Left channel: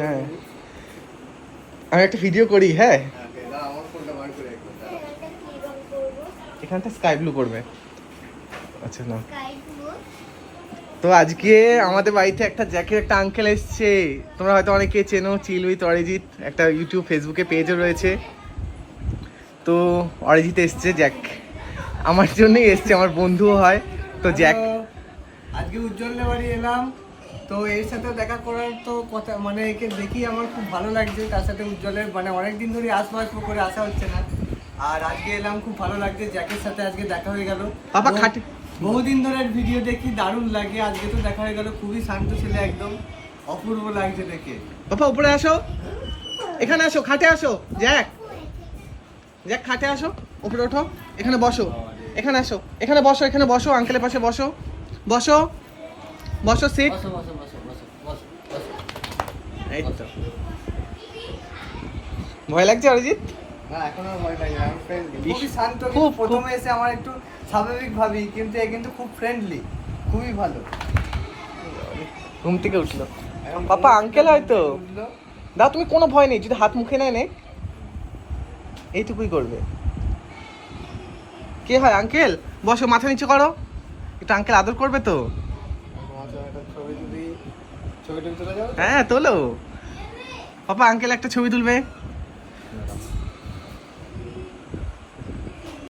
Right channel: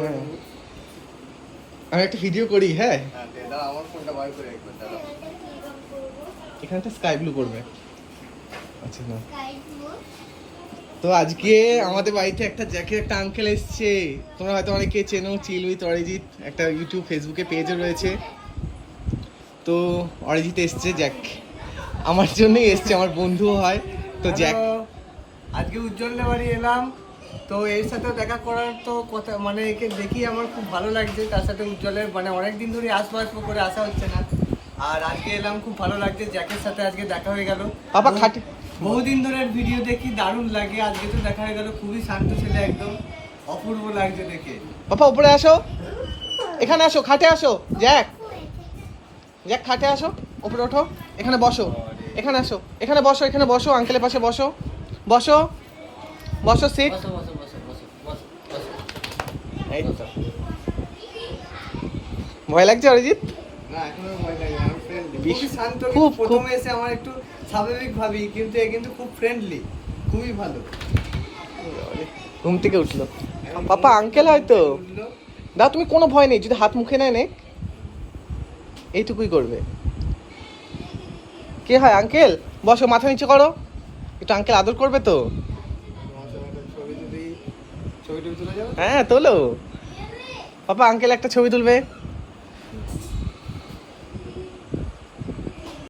হ্যাঁ আমি একটা ভিডিও করি। হ্যাঁ এখানটা স্কাই ব্লু করবে। আচ্ছা না তো আজকে আমাদের বাড়িতে একটা জ্যাকের একটা আঙ্কেল এসছে। তোমরা হয়তো অনেকে চেনো, চিল উইথ অরিজিৎ একটা ইউটিউব ফেসবুকে পেজও রয়েছে। তো অরিজিৎ এসছে, জ্যাক আমার জন্যই এসছে, আমার বন্ধুও হয়। তো জ্যাক আজকে উজ্জ্বলের বাড়ি এলাম, তো এর সাথে দেখা করার তো কথা, মানে একে দেখি আমার খুব ভালো লাগছে। তার সাথে উজ্জ্বলের মানে অনেকদিন ধরে আসবো করে আসা হচ্ছে না, আর আজকে এলাম, খুব ভালো লাগছে। জ্যাকের সাথে আজকে দেখা হয়ে গেল। পাপা খাটে বহুদিন ধরে ভিডিও দেখি, দারুণ লাগে। আজকে তো দেখা হয়ে গেল, খুবই শান্ত ছেলে, একদম অপূর্ব লাগছে দেখে। পাপা উপরে আসো, এখানে আসো, খাটে আসো। জ্যাক জ্যাক খাটে আসো, উপরে ওঠো, এখানে বসো, এখানে আসো, এখানে বসো, এখানে বসো, আঙ্কেলের পাশে বসো, বসো বসো, সিট। বসো বসো বসো বসো বসো বসো। এই তো। ভয় লাগছে অরিজিৎ? না এখনো ভয় লাগে না, ফ্রেন্ডলি, খুবই শান্ত। কিন্তু প্রথমে এসে আমার একটু স্বাভাবিক ভাবি, কিন্তু এ কিন্তু খুব ফ্রেন্ডলি, খুবই ভালো। ঘুম থেকে উঠলো পাপা, আঙ্কেল হয়তো। দাও তুমি, কোনো ভয় নেই, যদি হাত মুখে নেয় নেই, এইটুকুই করবে। কি হয় আঙ্কেল? বসো, মাথা নিচু করো, একটু আঙ্কেল আদর করবে তো। ছবি তুলে যাও। হ্যাঁ তোলো পাপা, আঙ্কেল একটা ছবি তুলবে।